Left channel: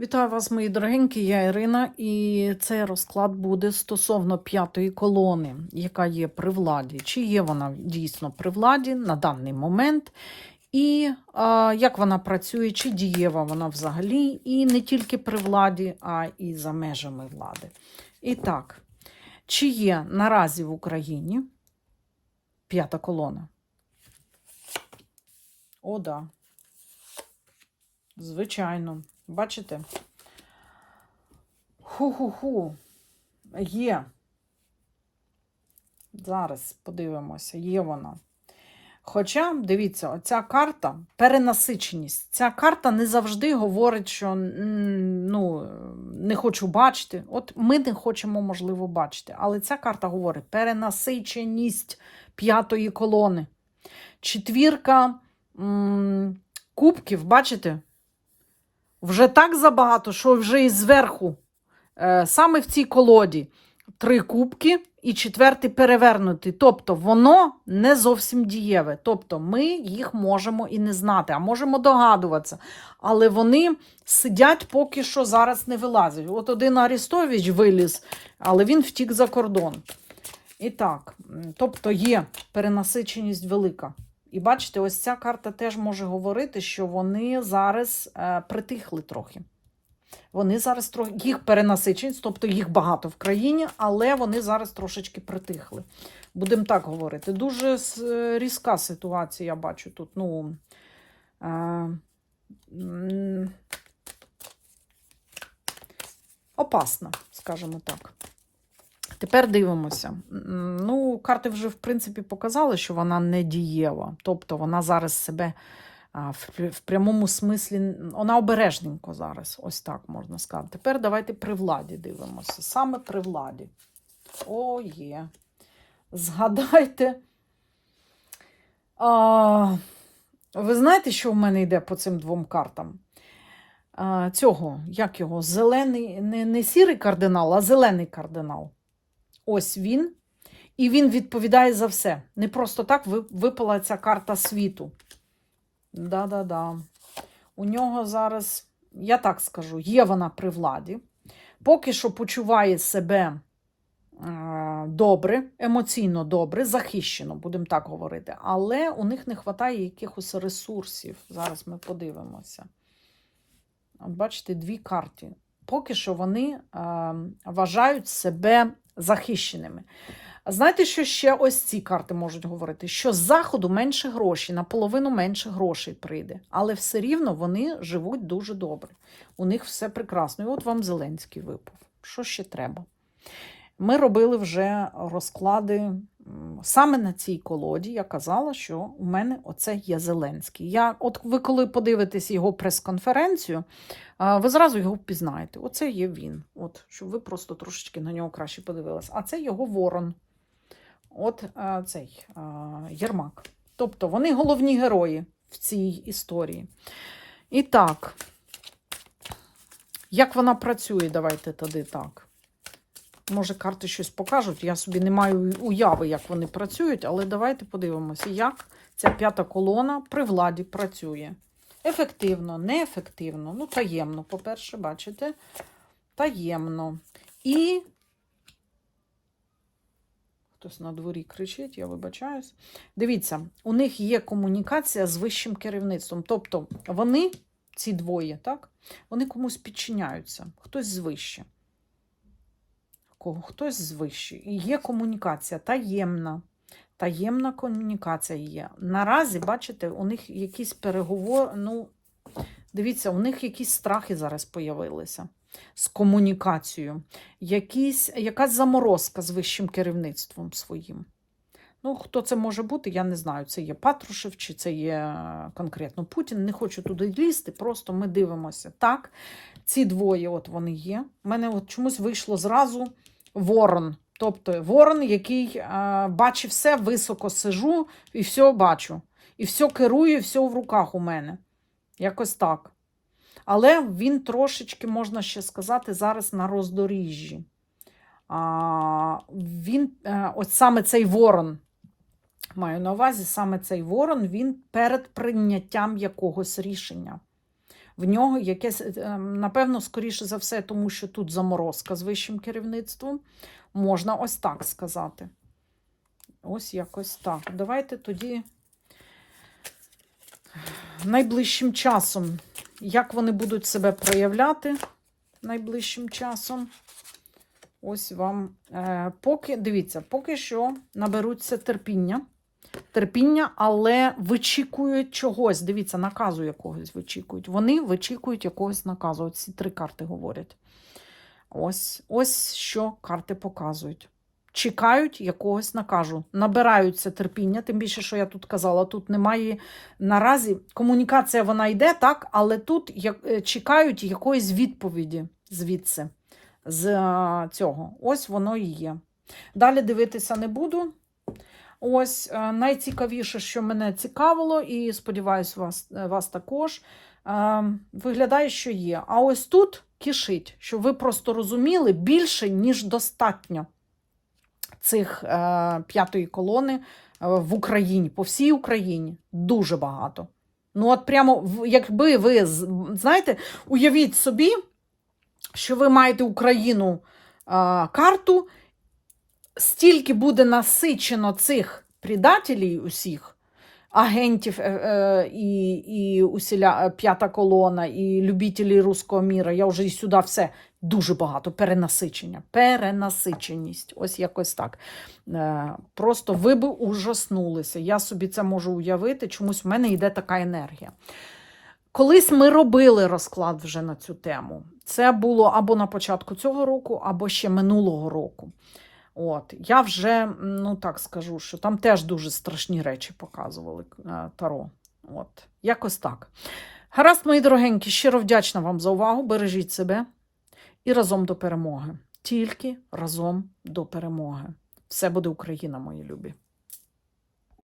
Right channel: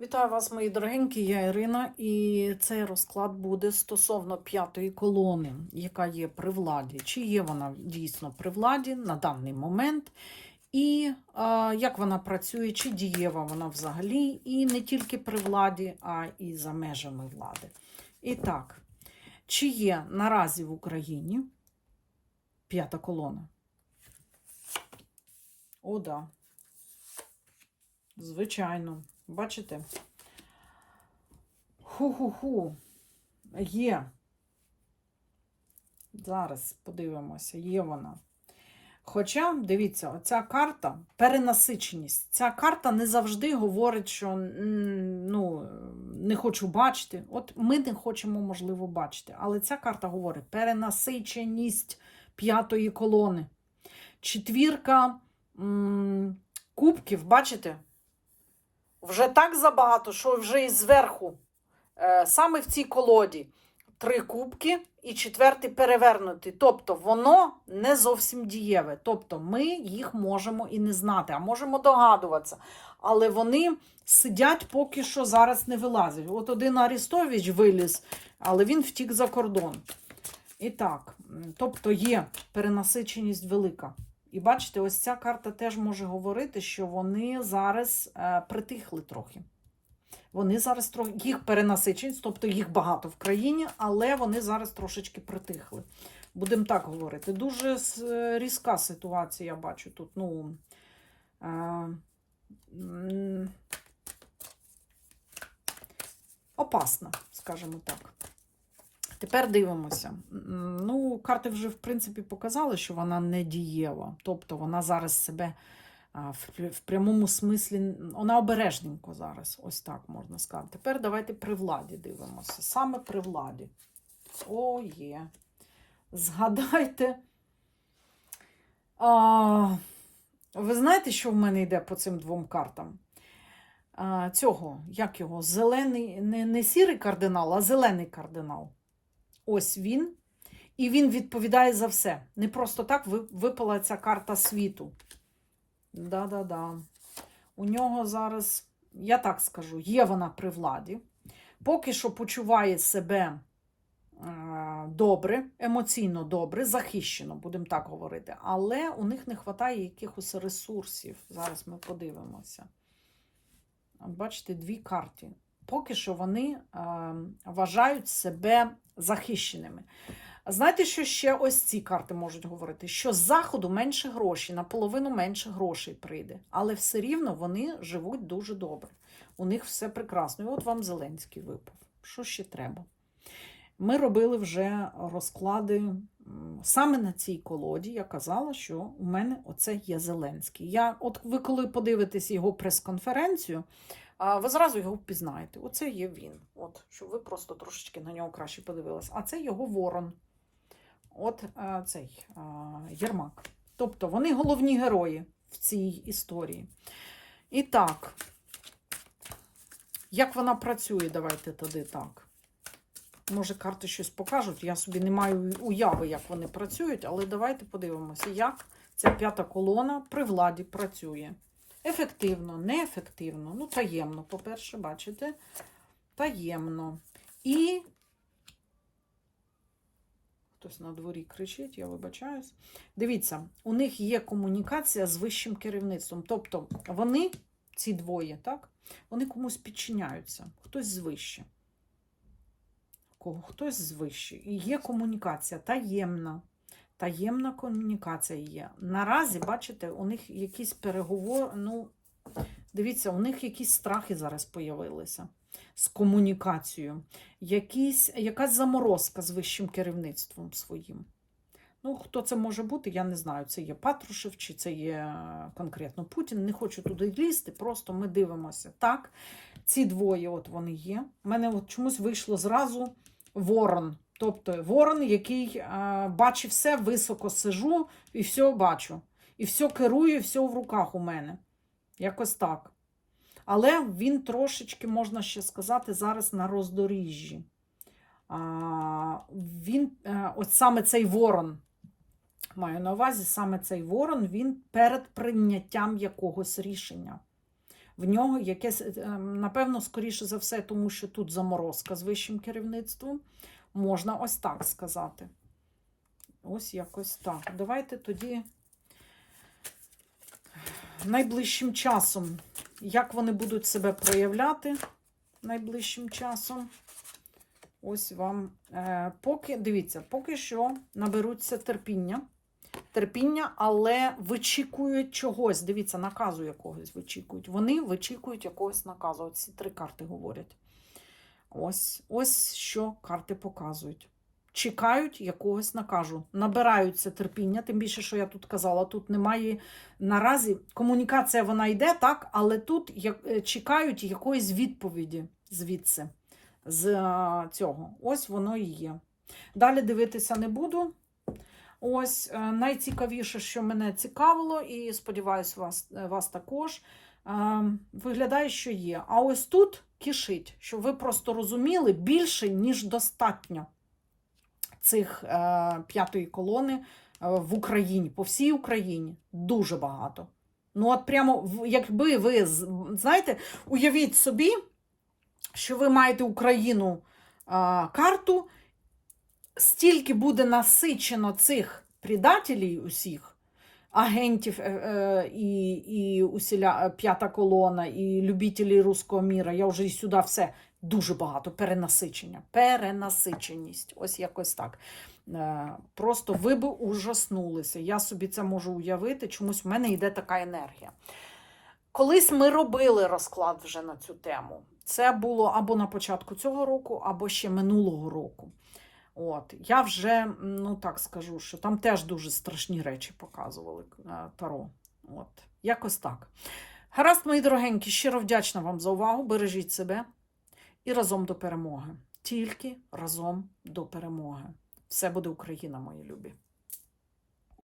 Вітаю вас, мої дорогенькі, я Ірина, і цей розклад буде стосовно п'ятої колони, яка є при владі. Чи є вона дійсно при владі на даний момент, і а, як вона працює, чи дієва вона взагалі, і не тільки при владі, а і за межами влади. І так, чи є наразі в Україні п'ята колона? О, да. Звичайно. Бачите? Ху-ху-ху. Є. Зараз подивимося, є вона. Хоча, дивіться, оця карта перенасиченість. Ця карта не завжди говорить, що ну, не хочу бачити. От ми не хочемо, можливо, бачити. Але ця карта говорить перенасиченість п'ятої колони. Четвірка м, кубків, бачите? Вже так забагато, що вже і зверху, е, саме в цій колоді, три кубки і четвертий перевернутий. Тобто воно не зовсім дієве. Тобто ми їх можемо і не знати, а можемо догадуватися. Але вони сидять поки що зараз не вилазять. От один Арістович виліз, але він втік за кордон. І так, тобто є перенасиченість велика. І бачите, ось ця карта теж може говорити, що вони зараз е, притихли трохи. Вони зараз трохи їх перенасиченість, тобто їх багато в країні, але вони зараз трошечки притихли. Будемо так говорити. Дуже е, різка ситуація, я бачу тут. Ну, е, опасна, скажімо так. Тепер дивимося. Ну, карти вже, в принципі, показали, що вона не дієва. Тобто вона зараз себе в, прямому смислі, вона обережненько зараз, ось так можна сказати. Тепер давайте при владі дивимося. Саме при владі. О, є. Згадайте. А, ви знаєте, що в мене йде по цим двом картам? Цього, як його? Зелений, не, не сірий кардинал, а зелений кардинал. Ось він. І він відповідає за все. Не просто так випала ця карта світу. Да-да-да. У нього зараз, я так скажу, є вона при владі. Поки що почуває себе е, добре, емоційно добре, захищено, будемо так говорити. Але у них не вистачає якихось ресурсів. Зараз ми подивимося. Бачите, дві карти. Поки що вони е, вважають себе захищеними. Знаєте, що ще ось ці карти можуть говорити? Що з заходу менше грошей, наполовину менше грошей прийде, але все рівно вони живуть дуже добре. У них все прекрасно. І от вам Зеленський випав. Що ще треба? Ми робили вже розклади саме на цій колоді. Я казала, що у мене оце є Зеленський. Я, от ви коли подивитесь його прес-конференцію, ви зразу його впізнаєте. Оце є він. От, щоб ви просто трошечки на нього краще подивилися. А це його ворон. От цей а, Єрмак. Тобто вони головні герої в цій історії. І так, як вона працює, давайте тоді так. Може, карти щось покажуть. Я собі не маю уяви, як вони працюють, але давайте подивимося, як ця п'ята колона при владі працює. Ефективно, неефективно, ну, таємно, по-перше, бачите? Таємно. І хтось на дворі кричить, я вибачаюсь. Дивіться, у них є комунікація з вищим керівництвом. Тобто вони, ці двоє, так, вони комусь підчиняються, хтось звище. Кого хтось звище. І є комунікація таємна. Таємна комунікація є. Наразі, бачите, у них якісь переговори. Ну, дивіться, у них якісь страхи зараз появилися з комунікацією. Якісь, якась заморозка з вищим керівництвом своїм. Ну, хто це може бути, я не знаю. Це є Патрушев, чи це є е, конкретно Путін. Не хочу туди лізти, просто ми дивимося. Так, ці двоє, от вони є. У мене от чомусь вийшло зразу ворон. Тобто ворон, який е, бачить все, високо сижу і все бачу. І все керую, і все в руках у мене. Якось так. Але він трошечки, можна ще сказати, зараз на роздоріжжі. А, він, е, от саме цей ворон, маю на увазі, саме цей ворон, він перед прийняттям якогось рішення. В нього якесь, е, напевно, скоріше за все, тому що тут заморозка з вищим керівництвом. Можна ось так сказати. Ось якось так. Давайте тоді найближчим часом, як вони будуть себе проявляти найближчим часом. Ось вам. Е, поки, дивіться, поки що наберуться терпіння. Терпіння, але вичікують чогось. Дивіться, наказу якогось вичікують. Вони вичікують якогось наказу. Ось ці три карти говорять. Ось, ось що карти показують. Чекають якогось наказу, набираються терпіння, тим більше, що я тут казала, тут немає наразі комунікація вона йде, так, але тут е, чекають якоїсь відповіді звідси, з цього. Ось воно і є. Далі дивитися не буду. Ось е, найцікавіше, що мене цікавило, і сподіваюся, вас, е, вас також. е, Виглядає, що є. А ось тут кишить, щоб ви просто розуміли більше, ніж достатньо цих п'ятої колони в Україні, по всій Україні. Дуже багато. Ну, от прямо, якби ви знаєте, уявіть собі, що ви маєте Україну карту, стільки буде насичено цих предателів усіх, агентів е, е, і, і усіля, е, п'ята колона, і любителі руського міра. Я вже і сюди все дуже багато. Перенасичення. Перенасиченість. Ось якось так. Просто ви би ужаснулися. Я собі це можу уявити. Чомусь в мене йде така енергія. Колись ми робили розклад вже на цю тему. Це було або на початку цього року, або ще минулого року. От, я вже, ну так скажу, що там теж дуже страшні речі показували е, Таро. От, якось так. Гаразд, мої дорогенькі, щиро вдячна вам за увагу. Бережіть себе і разом до перемоги. Тільки разом до перемоги. Все буде Україна, мої любі.